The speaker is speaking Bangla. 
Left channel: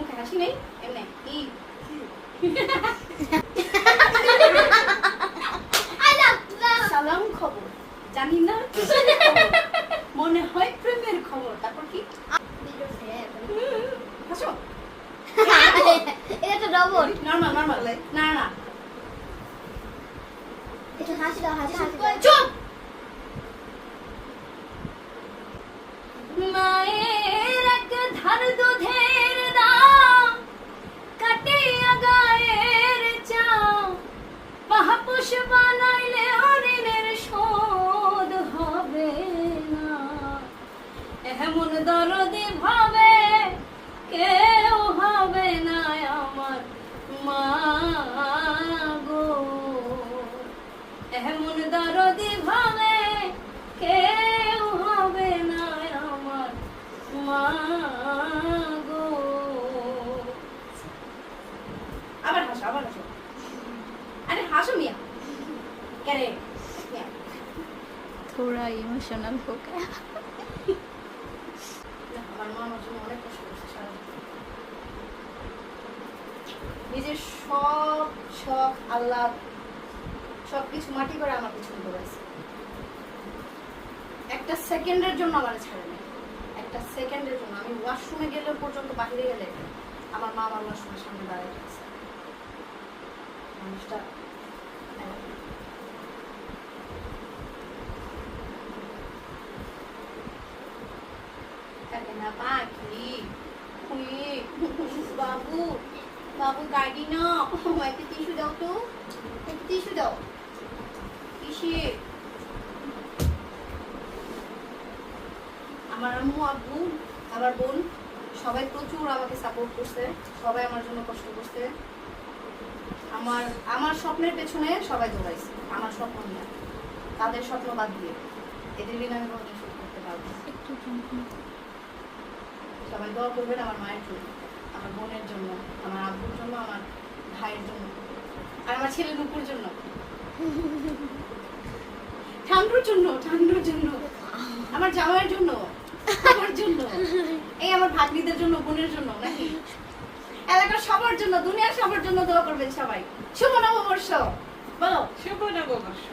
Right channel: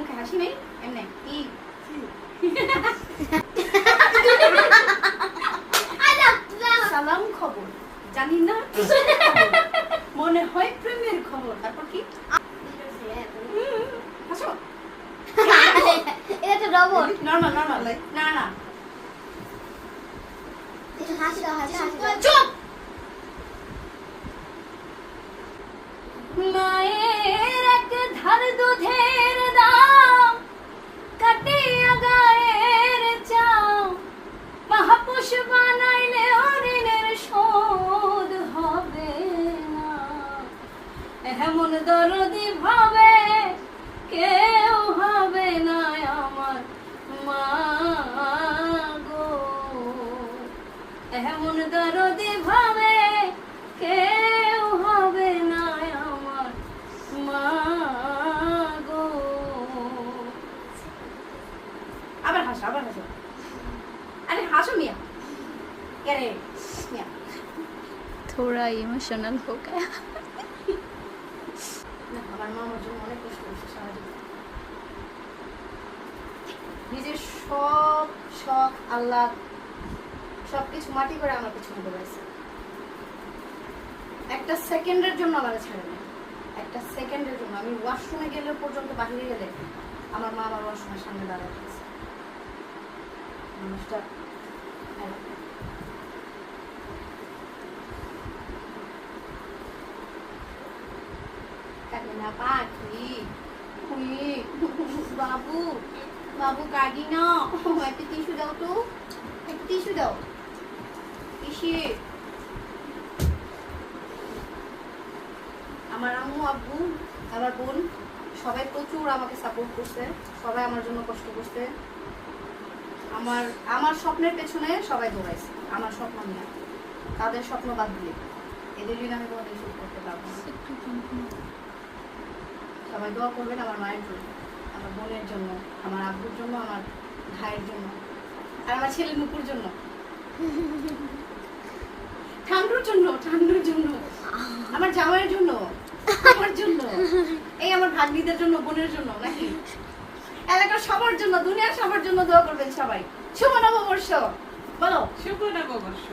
মুখে হাসি নেই এমনি কি সালাম খবর জানি না মনে হয় প্রেমের খবর তারপর কি হাসো এটা তো রবট নরমাল নরমাল না না এটা হাসি দাও হাসি হাসি চুপ মায়ের এক ধার দুধের দাম কাটিয়া গায়ের চাও মহাপুষ বানাইলে ঋণের শোধ হবে না এমন দরদি ভাবে কেউ হবে না আমার মা গো এমন দরদি ভাবে কেউ হবে না আমার মা গো আবার হাসো আরে হাসো মিয়া কে মিয়া थोड़ा इमोशनल हो गया। আমার মা আমার জন্য অনেক কষ্ট করছে সারা জীবন নিজের সব শখ আল্লাহ সবকিছু মাটি করে আমার পিছনে দৌড়াইছে একটা সেকেন্ডের জন্য আমার ছাড়ে না একটা সেকেন্ডের জন্য আমি ওয়াশরুমে গেলে পর্যন্ত বাইরে গেলে আমার মা আমার ওয়াশরুমের সামনে দাঁড়ায় থাকছে মানুষটা না পাখি খুলি বাবু বাবু কাঁদি না একটা টিস্যু দাও তো একটা টিস্যু দাও কিসে আমার আম্মু আব্বু আমার বোন সবাই প্রচুর আমাকে সাপোর্ট করছে সবাই আমার জন্য কষ্ট করছে আমার স্বপ্নের পেছনে সবাই দৌড়াইছে আমার স্বপ্ন না তাদের স্বপ্ন বাদ দিয়ে এদের দিন আমি কোনো কিছু করতে পারবো না সবাই দোয়া করবেন আমার মায়ের জন্য আমার বোনের জন্য আমার আব্বুর জন্য আমার ভাইয়ের জন্য আর আমার ছেলের নুপুর জন্য ঠান্ডুর জন্য আমার জামাইয়ের জন্য আমার জন্য এই আমার ভাগ্নিদের জন্য বোনের জন্য নাকি এলাকার সবার জন্য দুনিয়ার সবার জন্য দোয়া করবেন সবাই শুভ নববর্ষ বলো শুভ নববর্ষ